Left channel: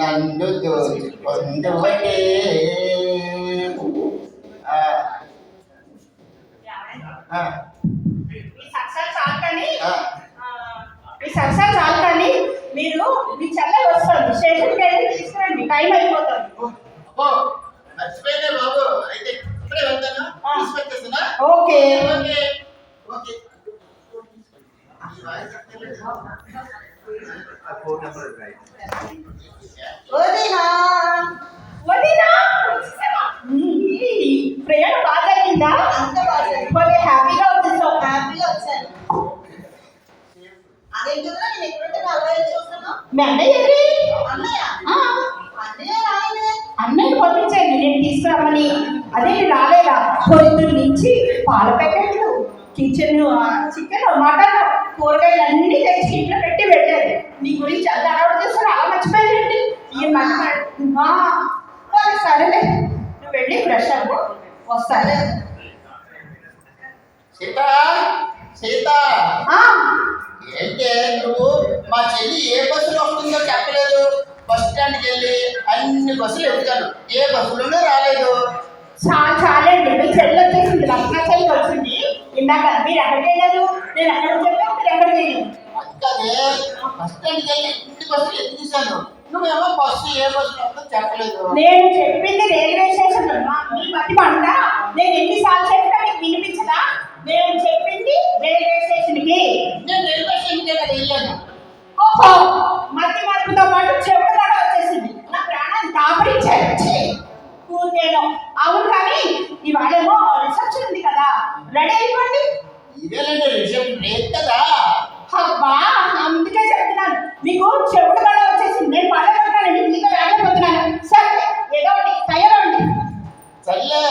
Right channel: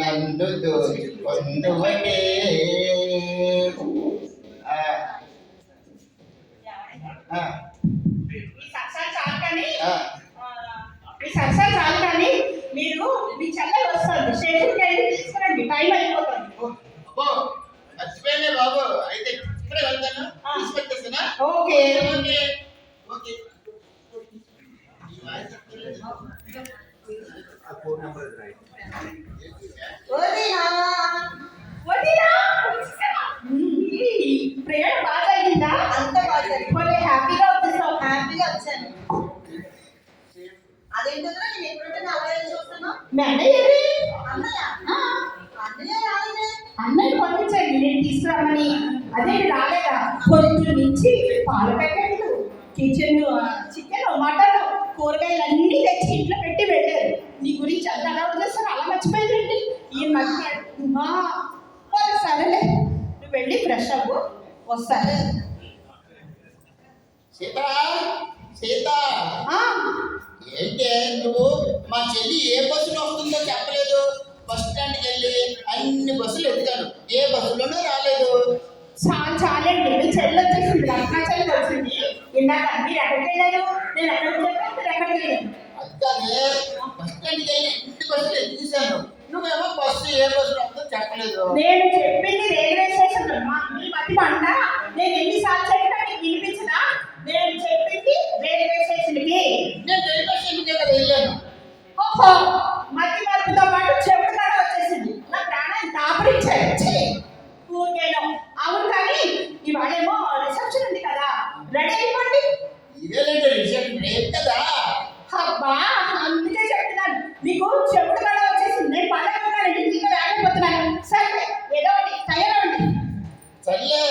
నన్ను దోచుకొందువటే. సరసాలు చాలు కానీ మీరు మీ చెల్లెలు వస్తుంది స్టేషన్కి వెళ్ళి తీసుకురండి, టైం అయిపోతుంది. మర్చిపోయినా బాబు, అయితే ఇప్పుడే వెళ్తాను, తీసుకొచ్చేస్తున్నా. Okay okay okay. ప్రయాణం బాగా జరిగిందా? అంత బాగా జరిగింది. హ్యాపీగా వచ్చేసావు? హ్యాపీగా వచ్చాను. అదేంటో నేను ఎప్పుడంటే అబ్బాయి చూస్తాను. మీ అన్నయ్య ఎవరి? అన్నయ్య అన్నయ్య రాయనే అన్నయ్య పంపించాను నేను తీసుకురామని. అదే రాలేదా? పొద్దున్న నుంచి పాల ప్యాకెట్లు, కిచెన్, చికెన్, మటన్, కూరగాయలు అన్నీ తెచ్చి ఇంట్లో పెట్టి వెళ్ళారు. నీ గురించి అంత అలవాటు చేస్తారు, అలా మర్చిపోయారండి. సరేలే, నువ్వు వెళ్ళి ఫ్రెష్ అవ్వు, వస్తాలే. సీత సీత, ఏంటే నువ్వు మా చెల్లి ఏ బస్సులో వస్తుందో చెప్పలేదు. బస్ స్టాండ్కి వెళ్ళి అన్ని బస్సులు ఎత్తుతాను, ఏ బస్సులోనూ రాలేదు. చాలండి, మీ చెల్లి వచ్చేసింది, లక్ష్మణ చెల్లి వచ్చింది ఇందాక. మీరు ఎక్కడికి వెళ్ళారు? నేను ఎక్కడ చెప్పాను, మీరు ఎక్కడికి వెళ్ళాను? అదే బస్ స్టాండ్కి వెళ్ళి అన్ని బస్సులు ఎత్తుతాను, నువ్వేమో బస్సు ఏ బస్సులో వస్తుందో చెప్పలేదు. నేను చెప్పింది రైల్వే స్టేషన్ మీ మట్టి పంట. నేను ఎన్నిసార్లు చెప్పినా మీకు వినిపించదా? నేను చెప్పింది రైల్వే స్టేషన్కి. నేను రైల్వే స్టేషన్కే కదా వెళ్ళాను. ఓహో, మట్టి మార్పుతో పాటు చెవుడు కూడా వచ్చేసింది. నా ప్రాణాన్ని దాపరించారు. ఊరికేనో. అవును కానీ ఇవాళేమో రిసెప్షన్ ఉంది కదా, రెడీ అయిపోండి. ఇదేనండి రిసెప్షన్ రేపు కదా. అబ్బా, అందుకే చెప్తున్నాను మీకు చెవుడు కూడా వచ్చేసింది. నేను పడగొట్టానండి, మీతో వెళ్ళకపోతున్నాను. సరే ఏదో ఒకటి తయారవండి. సర్లే,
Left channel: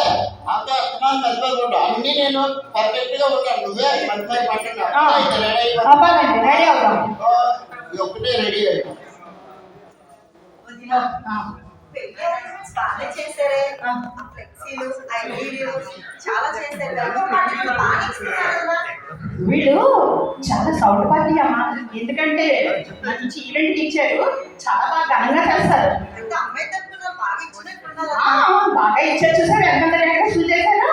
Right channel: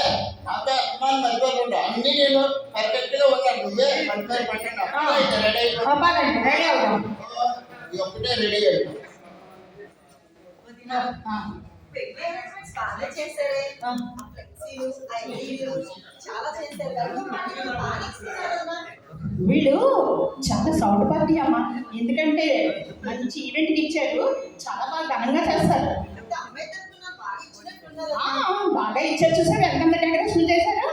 నాతో అర్థమాన్ని మర్చిపోకుండా అన్ని నేను పర్ఫెక్ట్ గా ఉన్నాను. నువ్వే మంచి పట్టండి. రెడీ అయిపోయి రెడీ అవుతాం. ఇది ఒక్కటే రెడీ అయిపో. బాగా చేశారే, ఫ్లెక్సీలు, ఐడీలు చాలా చేశారు కదా. వీళ్ళు చాలా సౌండ్ పార్టీ అమ్మా, ఎందుకంటే మంచి ఈవెంట్కి ఇచ్చారు, చాలా బాగా ఘనంగా చేస్తారు. అంటే అమ్మాయి తప్పున బాగా ఇచ్చినట్టున్నారు. బాగా ఇచ్చారు. చూసారు ఎంత డెకరేషన్ చేశారు?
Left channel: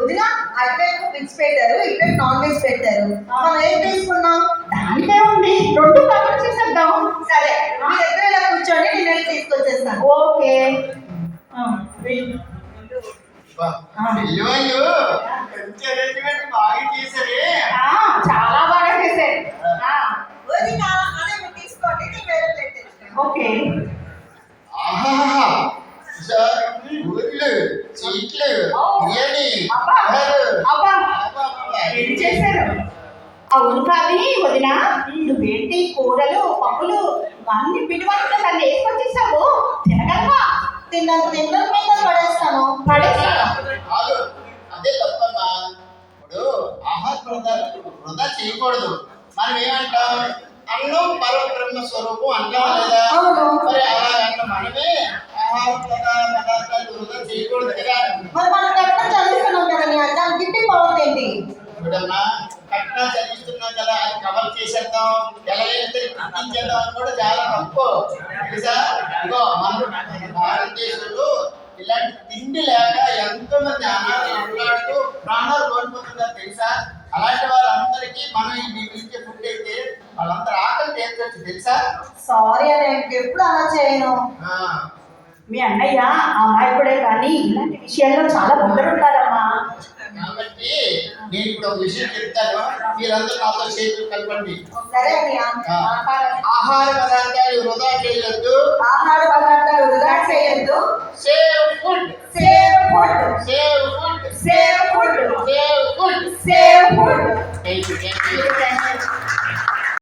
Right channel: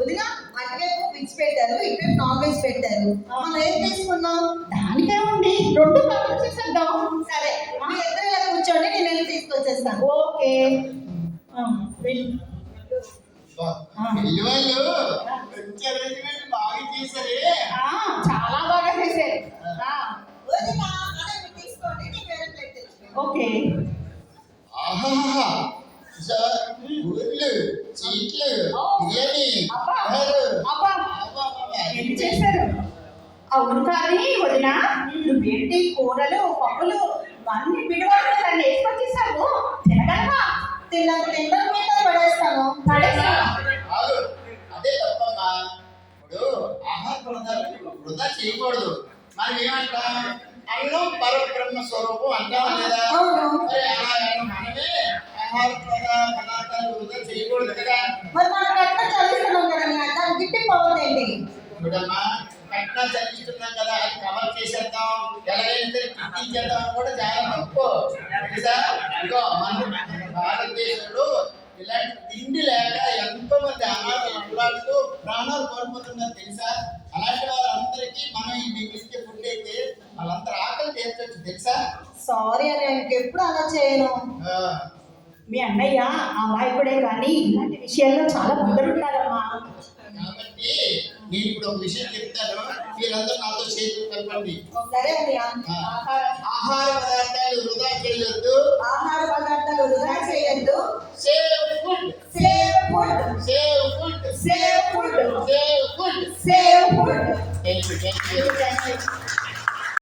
వదిన అటువైపు వెజ్ పెట్టారు, ఇటువైపు నాన్ వెజ్ పెట్టారు. మనం ఏం తీసుకున్నాం? దానికే ఉంది, రెండు కవర్ చేసేద్దాం. సరే, మీ దగ్గర ఇలా కూర్చోండి, నేను వెళ్ళి తీసుకొచ్చేస్తాను. ఓకే. పెళ్లి వాళ్ళు మంచి అరేంజ్మెంట్ బాగా చేశారే. చాలా బాగా చేశారు. వదిన అదే మీరు తీసుకోండి, నేను వేరే ప్లేట్ తెచ్చుకుంటాను. ఓకే. ఆహా, ఊర్లు, చీట్లు, బిర్యానీ ఏం చేశారు? అవును కానీ వదిన, నువ్వేంటి కూరలు, పప్పులు అన్ని పిండి వంటలు దాన్ని వేసుకొచ్చేసావు, తినగలవా? తిన్నాను పడేస్తాను. అదే తప్పమ్మా. ఇప్పుడు ఆహార పదార్థాలు వృధా చేయకూడదు. మనం ఏమంటాం, అన్నం పరబ్రహ్మ స్వరూపం అంటాం లేదా? మరి అలా మనమే ఆహార పదార్థాలు వృధా చేయకూడదు కదా. మరి మనం కట్నం చదివిస్తున్నాం కదా, దాని గిట్టి పవర్ ఏంటి? చూడమ్మా, కట్నా చదివిస్తున్నాం కదా, అది కవర్ చేసేద్దాం, ఎలాగైనా సరే గుర్తించేద్దాం అని కూడా చాలా తప్పు తెలుసా. ఇగో మన భారతదేశంలో ఇలాంటి తిండి లేక ఎంతో మంది అనాథలు ఉన్నాడుతూ ప్రాణాలు కోల్పోతున్నారు తెలుసా. అలాంటి వాళ్ళందరికీ మనం ఈ మిగిలించే ఫుడ్ అయితే వాళ్ళందరూ ఆకలి తీర్చొచ్చు తెలుసా. సారీ అని ఎప్పుడు అలా చేయను. మీ అన్నయ్య అమాయకుడే కానీ ఇలాంటి విషయాల్లో చాలా ముందరుంటారమ్మా. కాబట్టి నేను ఇప్పుడు ఒక విషయం చెప్తాను, మీరందరూ నాతో చేతులు కలపండి. సరే అన్నయ్య. ఆహార పదార్థాలు వృధా చేయొద్దు. ఆహార పదార్థాలు వృధా చేయొద్దు. Save food, save food, save food, save food, save food, save food. Thank you.